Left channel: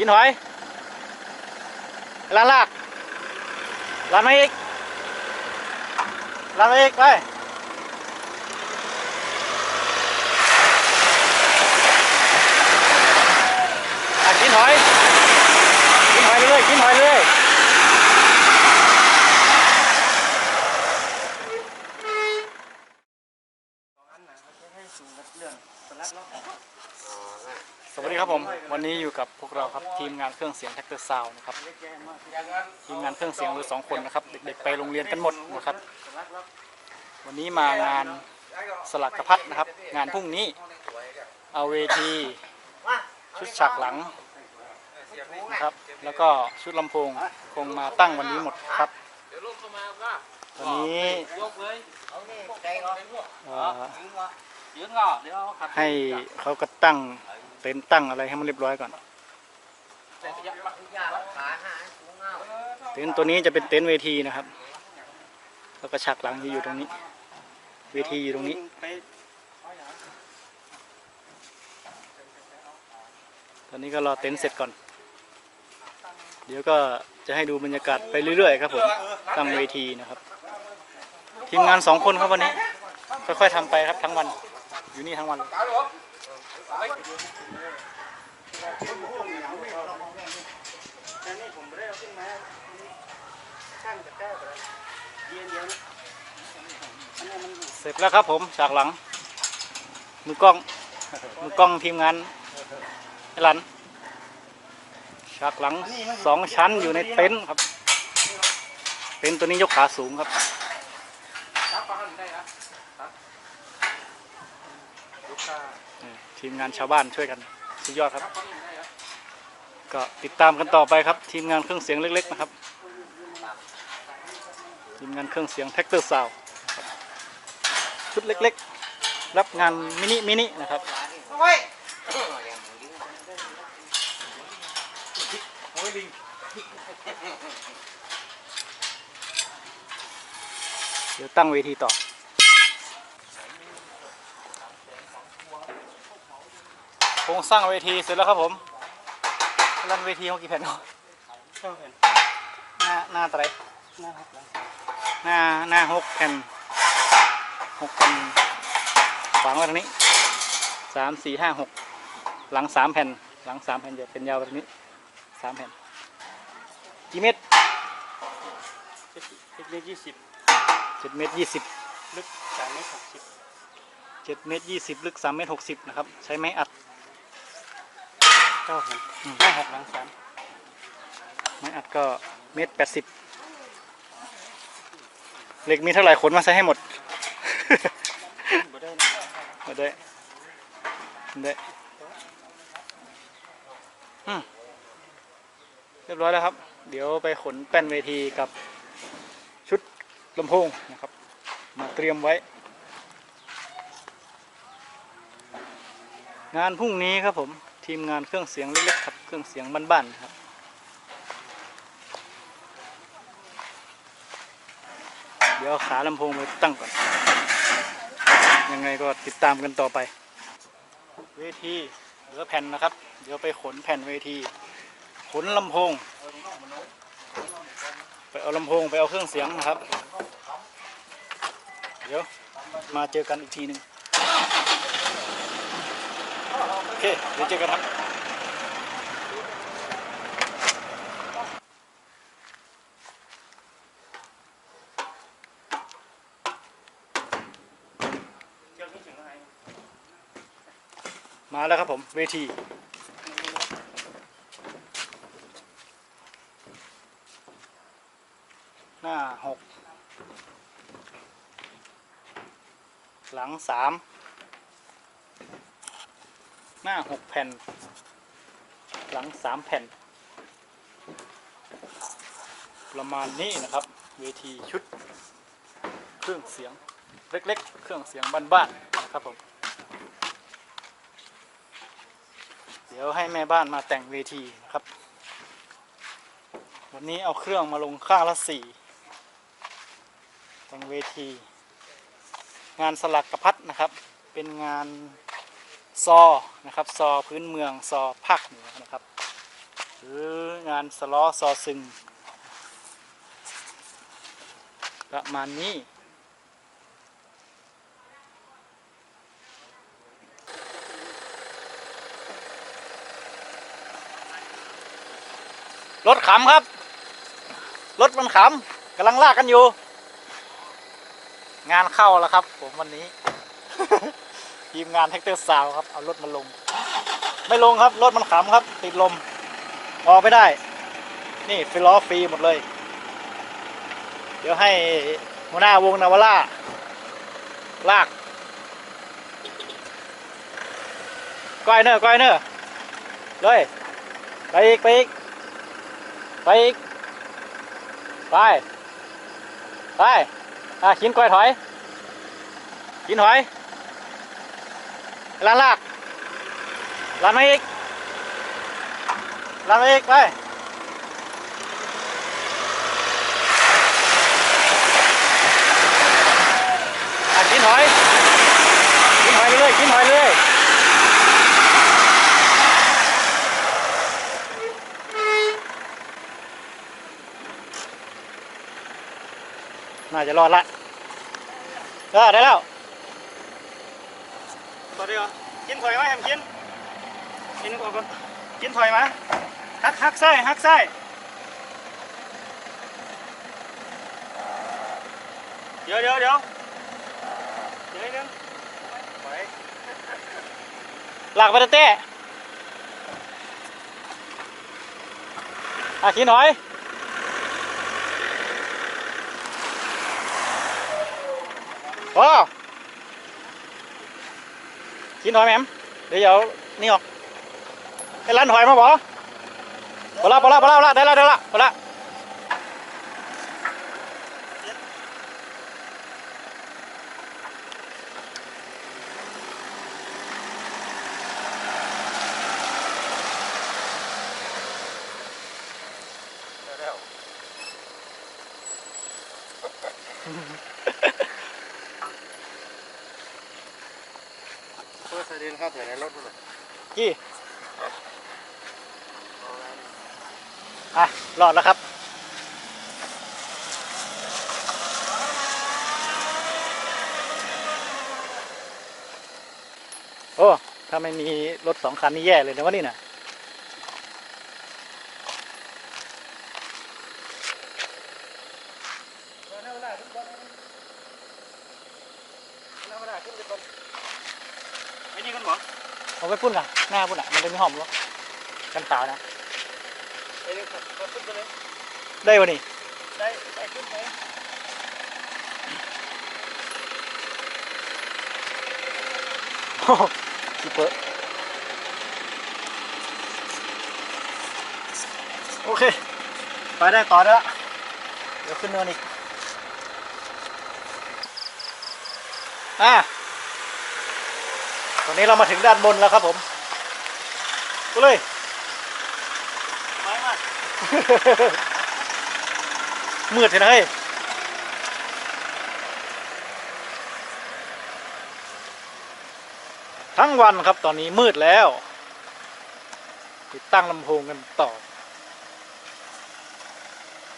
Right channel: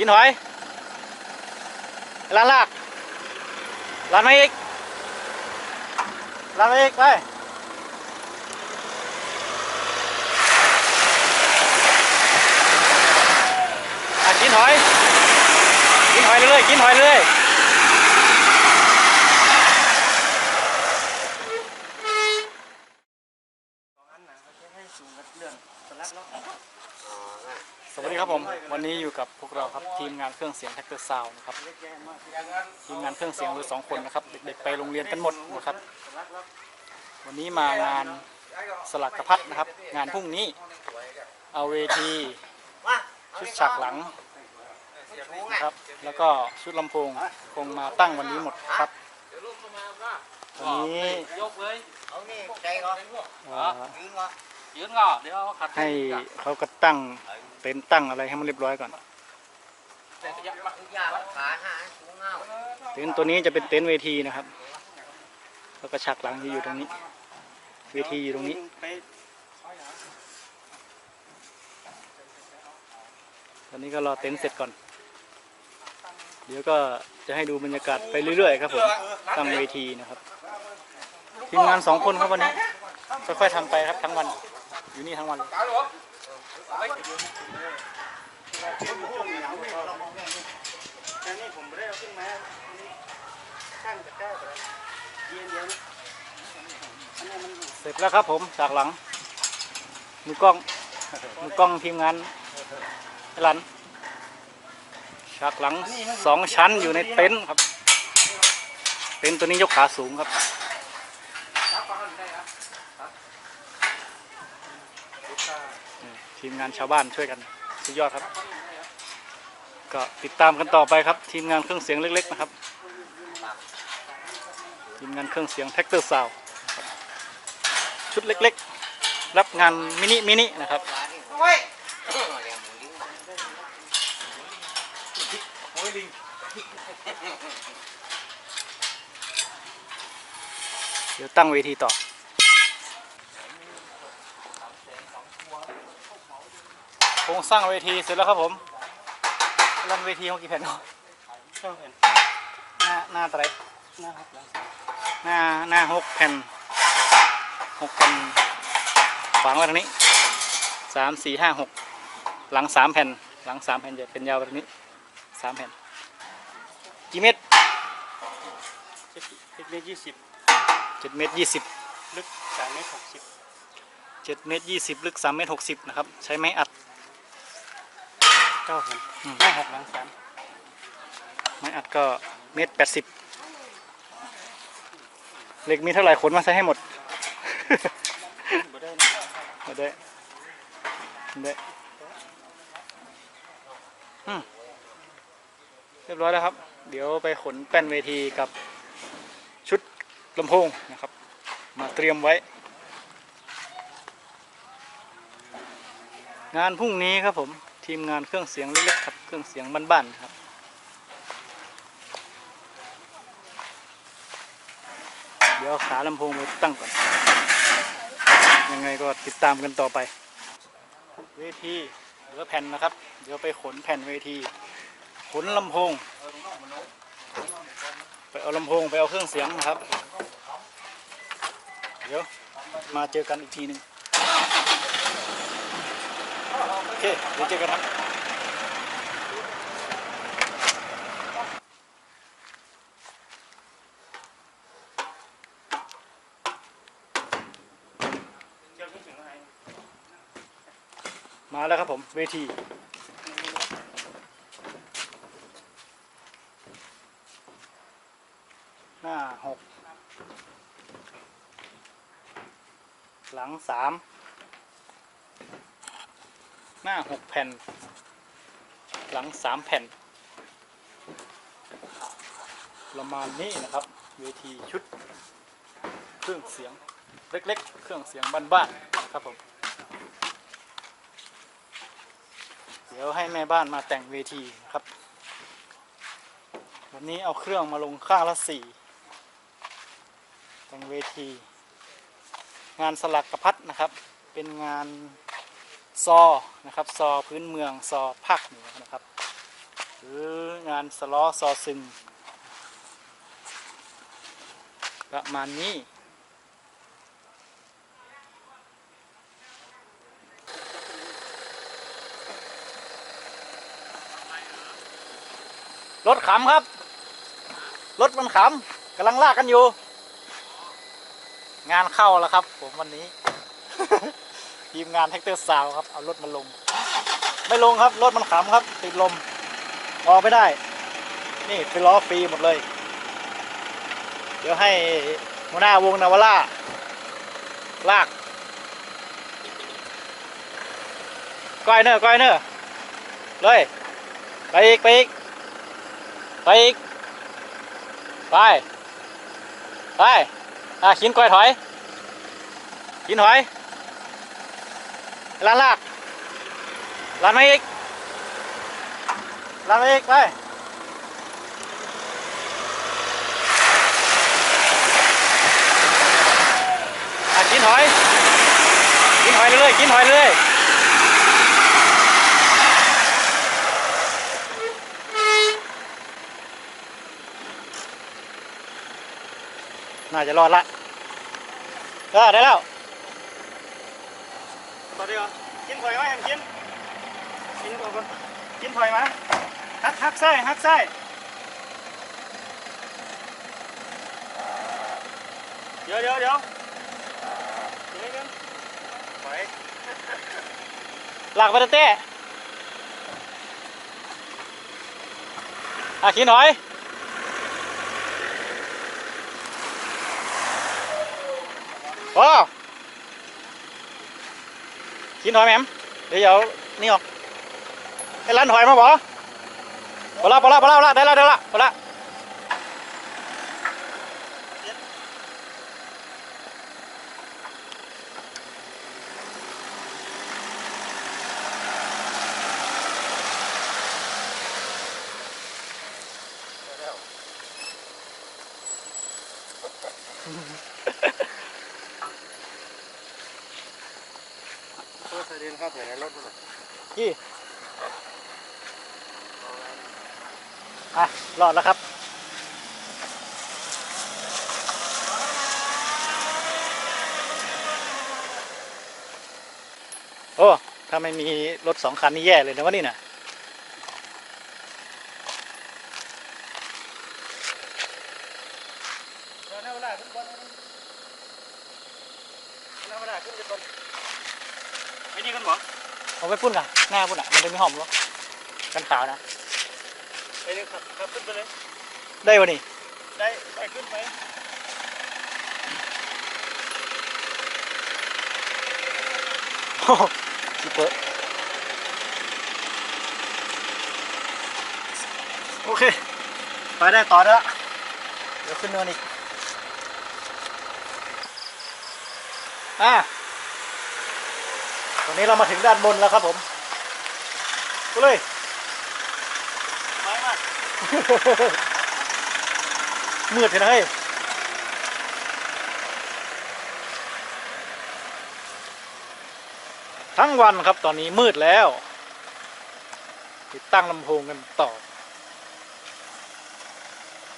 กินหอยร้านลากร้านมาอีกร้านมาอีกไปกินหอย กินหอยเรื่อยกินหอยเรื่อย สวัสดีครับผม วันนี้อยู่กับพวกเราครับทีมงานเครื่องเสียงแท็กเตอร์ซาวนะครับทีมงานเครื่องเสียงเหลือสองคนนะครับ เด็กๆไปโรงเรียนกันหมดนะครับ วันนี้มางานสลักกระพัดนะครับ งานพรุ่งนี้เอาเวทีชุดฉากหลังนะครับ แล้วก็ชุดลำโพงคงมาตั้งวันนี้หมดครับวันนี้ ยืนงอเดี๋ยวขัดให้เขาก็ตั้งเต็นท์ตั้งอะไรให้มันเรียบร้อยก่อน เต็นท์ตัวนี้จะเป็นเต็นท์เวทีนะครับ แล้วก็ฉากหลังจะอยู่ตรงนี้ เวทีอยู่ตรงนี้ ตอนนี้ก็รอเต็นท์เสร็จก่อน เดี๋ยวก็จะให้ดูบรรยากาศไปเรื่อยๆครับผมตั้งเวทีนะครับ ทีมงานสองคนครับวันนี้ค่อยๆทำไปครับทั้งวัน อยู่นี่ทั้งวันเลยเสร็จแล้วครับผมฉากหลัง มือกล้อง มือกล้องทีมงานไอ้หลันฉากหลังสองชั้นอยู่ในเต็นท์ครับ เต็นท์ตัวนี้ยกขาสูงครับ ทีมงานชาวบ้านช่วยกันสุดยอดครับ ก็ติดตามกันต่อไปครับ ทีมงานเครื่องเสียงเล็ก ๆ นะครับ ทีมงานเครื่องเสียงแท็กเตอร์ซาวชุดเล็ก ๆ รับงานมินิมินินะครับเดี๋ยวตั้งเวทีต่อ โค รงสร้างเวทีเสร็จแล้วครับผมรันเวทีเขากี่แผ่นเนาะหน้าหน้าเท่าไหรหน้าหน้าหกแผ่นหกแผ่นฝังไว้ตรงนี้สามสี่ห้าหกหลังสามแผ่น หลังสามแผ่นจะเป็นยาวไปตรงนี้สามแผ่นกี่เมตรเล็กยี่สิบเจ็ดเมตรยี่สิบลึกสามเมตรหกสิบเจ็ดเมตรยี่สิบลึกสามเมตรหกสิบนะครับ ใช้ไม้อัด เก้าแผ่นอืมหน้าหกหลังสามไม้อัดก็เมตรแปดสิบเหล็กมีเท่าไหร่ขนมาใส่ให้หมดบ่ได้มาได้มาได้อืมเรียบร้อยแล้วครับ เดี๋ยวไปขนแป้นเวทีกับชุดลำโพงนะครับ มาเตรียมไว้ งานพรุ่งนี้ครับผม ทีมงานเครื่องเสียงเล็กๆครับเครื่องเสียงบ้านๆครับเดี๋ยวขาลำโพงไปตั้งก่อน ยังไงก็ติดตามกันต่อไป เวทีเหลือแผ่นนะครับ เดี๋ยวไปขนแผ่นเวที ขนลำโพง ไปเอาลำโพงไปเอาเครื่องเสียงนะครับ เดี๋ยวมาเจอกันอีกทีหนึ่ง โอเคเดี๋ยวเจอกันครับมาแล้วครับผม เวทีหน้าหกหลังสาม หน้าหกแผ่น หลังสามแผ่น ประมาณนี้นะครับ เวทีชุด เครื่องเสียงเล็กๆ เครื่องเสียงบ้านๆนะครับผม เดี๋ยวให้แม่บ้านมาแต่งเวทีนะครับ วันนี้เอาเครื่องมาลงข้างละสี่แต่งเวที งานสลักกระพัดนะครับ เป็นงาน ซอนะครับซอพื้นเมืองซอภาคเหนือนะครับ หรืองานสล้อซอซึง ประมาณนี้รถขำครับ รถมันขำกำลังลากกันอยู่ งานเข้าแล้วครับ ผมวันนี้ ทีมงานแท็กเตอร์สาวครับ เอารถมาลง ไม่ลงครับ รถมันขำครับ ติดลม ออกไม่ได้ นี่ไปล้อฟรีหมดเลย เดี๋ยวให้หัวหน้าวงนาวาร่า ลาก ก้อยเนอร์ก้อยเนอร์เลยไปอีก ไปอีก ไปอีก ไป ไป อะขินก้อยถอยขินถอย ลานลากลานมาอีกลานมาอีกไปกินหอย กินหอยเรื่อยกินหอยเรื่อยน่าจะรอดละเออได้แล้ว ต่อดีกว่ากินถอยไหมแฮมกินกินก่อนก่อนกินถอยไหมฮักฮักไส้ฮักไส้เดี๋ยวเดี๋ยวเดี๋ยวเดี๋ยวนึงไปหลักไปเต้อาขีหน่อยโอ้หน่อยแหมมเดี๋ยว เอานี่ออกไอ้ร้านหอยมาบ่พอละพอละพ อละพอละได้ละได้ละพอละกี่อะรอดแล้วครับโอ้ถ้าไม่มีรถสองคันนี่แย่เลยนะวะนี่นะไม่นี่กันหรอเอาไป พุ่นกันหน้าพุ่นอะมันจะมีหอมรถกันขาวนะไปเลยครับครับขึ้นไปเลยได้วะนี่ได้ได้ขึ้นไปโอ้โหซูเปอร์โอเค ไปได้ต่อได้ละเดี๋ยวขึ้นเนินอีกอะ ตอนนี้เรามาถึงด้านบนแล้วครับผมกูเลยไม้มากมืดเห็นไหมเฮ้ยทั้งวันครับตอนนี้มืดแล้ว ติดตั้งลำโพงกันต่อ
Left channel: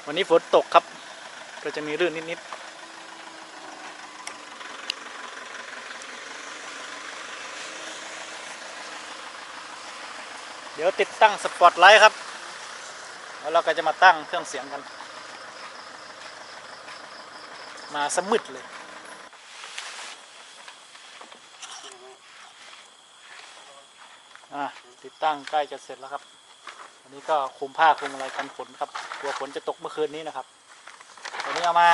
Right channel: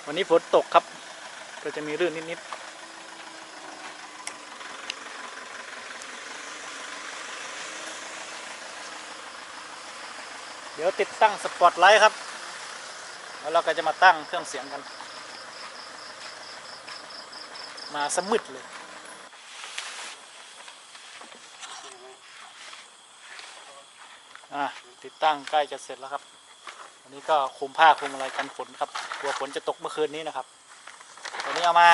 วันนี้ฝนตกครับ ก็จะมีรื่นนิด ๆ ดี๋ยวติดตั้งสปอตไลท์ครับ แล้วเราก็จะมาตั้งเครื่องเสียงกัน มาสมืดเลยติดตั้งใกล้จะเสร็จแล้วครับ วันนี้ก็คลุมผ้าคลุมอะไรกันฝนครับกลัวฝนจะตกเมื่อคืนนี้นะครับตอนนี้เอามา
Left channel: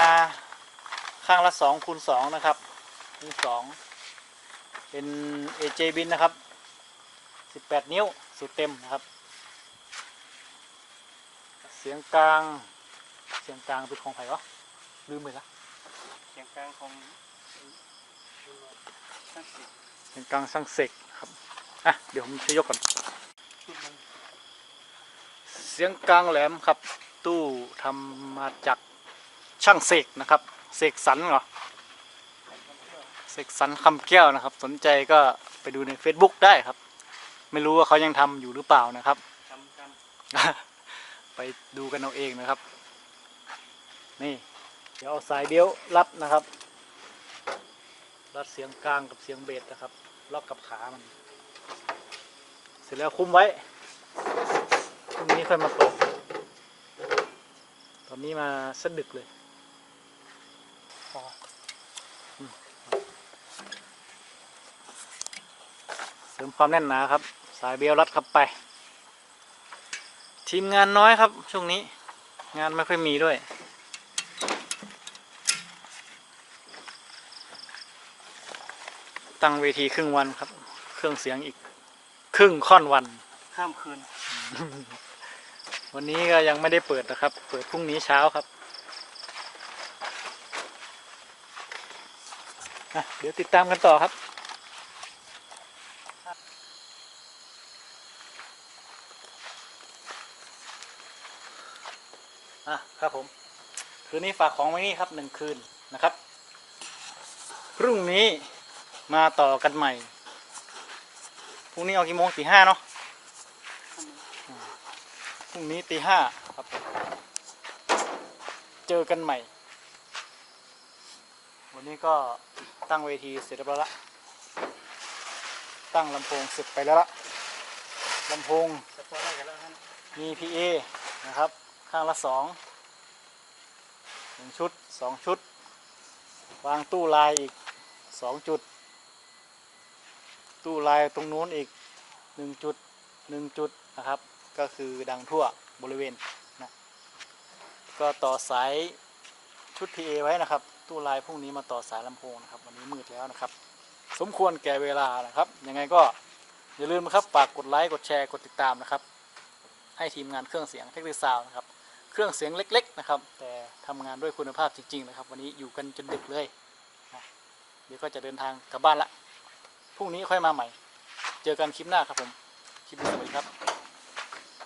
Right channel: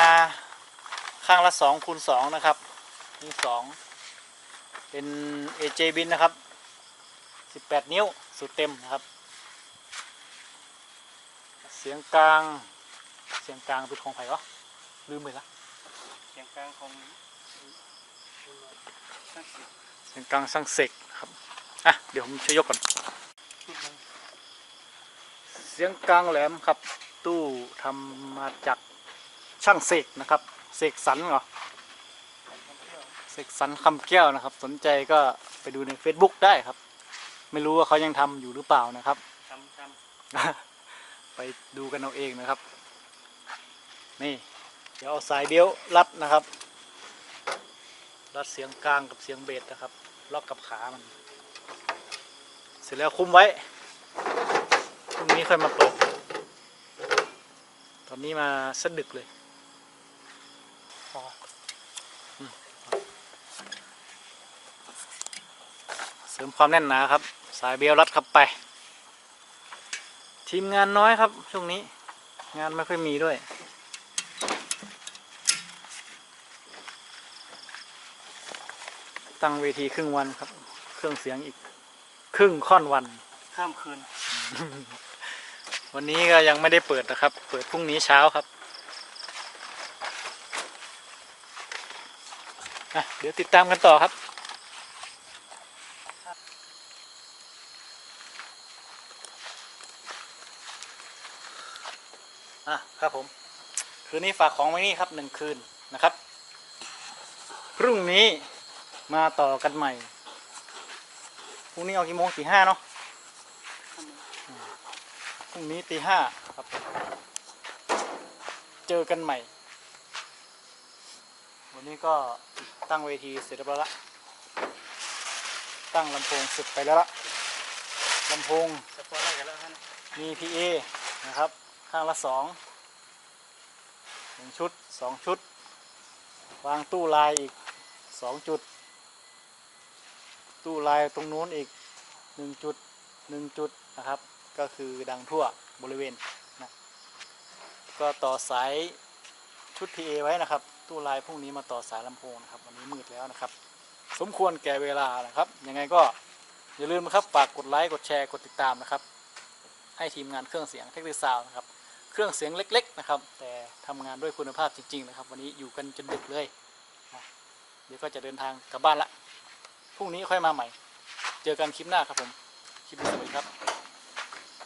ข้างละสองคูณสองนะครับนี่สองเป็น AJ บินนะครับ 18 นิ้ว สุดเต็มนะครับ เสียงกลาง เสียงกลางเป็นของไผ่วะลืมไปละเสียงกลางของช่างสิเสียงกลางสังเสกครับอะเดี๋ยวผมจะยกก่อน เสียงกลางแหลมครับ ตู้ทำมาจากช่างเสกนะครับ เสกสรรเหรอเสกสรรคำแก้วนะครับ สนใจก็ไปดูใน Facebook ได้ครับ ไม่รู้ว่าเขายังทำอยู่หรือเปล่านะครับทำทำไปดูกันเอาเองนะครับ นี่ เดี๋ยวเอาสายเดียวรัดนะครับ รัดเสียงกลางกับเสียงเบสนะครับ ล็อกกับขามัน เสร็จแล้วคุมไว้พรุ่งนี้ค่อยมาเปิดตอนนี้มาสะดึกเลยอ๋ออืมเสริมความแน่นหนาครับ สายเบลรัดเข้าไป ทีมงานน้อยครับ ช่วงนี้ งานไม่ค่อยมีด้วย ตั้งเวทีครึ่งวันครับ เครื่องเสียงอีกครึ่งค่อนวัน ข้ามคืน วันนี้ก็ยังไม่ได้เปิดนะครับ เปิดพรุ่งนี้เช้าครับอะเดี๋ยวติดตามกันต่อครับ ครับผม คืนนี้ฝากของไว้นี่ครับหนึ่งคืนนะครับ พรุ่งนี้มาต่อกันใหม่ พรุ่งนี้เอากี่โมงตีห้าเนาะพรุ่งนี้ตีห้าครับ เจอกันใหม่ วันนี้ก็ตั้งเวทีเสร็จเรียบร้อยละตั้งลำโพงเสร็จไปแล้วละลำโพงจะพอได้กันแล้วฮะมี PA นะครับ ข้างละสอง หนึ่งชุดสองชุด วางตู้ลายอีกสองจุด ตู้ลายตรงนู้นอีกหนึ่งจุดหนึ่งจุดนะครับ ก็คือดังทั่วบริเวณนะก็ต่อสายชุด PA ไว้นะครับ ตู้ลายพรุ่งนี้มาต่อสายลำโพงนะครับ วันนี้มืดแล้วนะครับ สมควรแก่เวลานะครับยังไงก็อย่าลืมนะครับฝากกดไลค์กดแชร์กดติดตามนะครับ ให้ทีมงานเครื่องเสียงเทคนิคซาวนะครับ เครื่องเสียงเล็ก ๆ นะครับ แต่ทำงานด้วยคุณภาพจริง ๆ นะครับ วันนี้อยู่กันจนดึกเลยนะเดี๋ยวก็จะเดินทางกลับบ้านละพรุ่งนี้ค่อยมาใหม่ เจอกันคลิปหน้าครับผม คลิปนี้สวัสดีครับ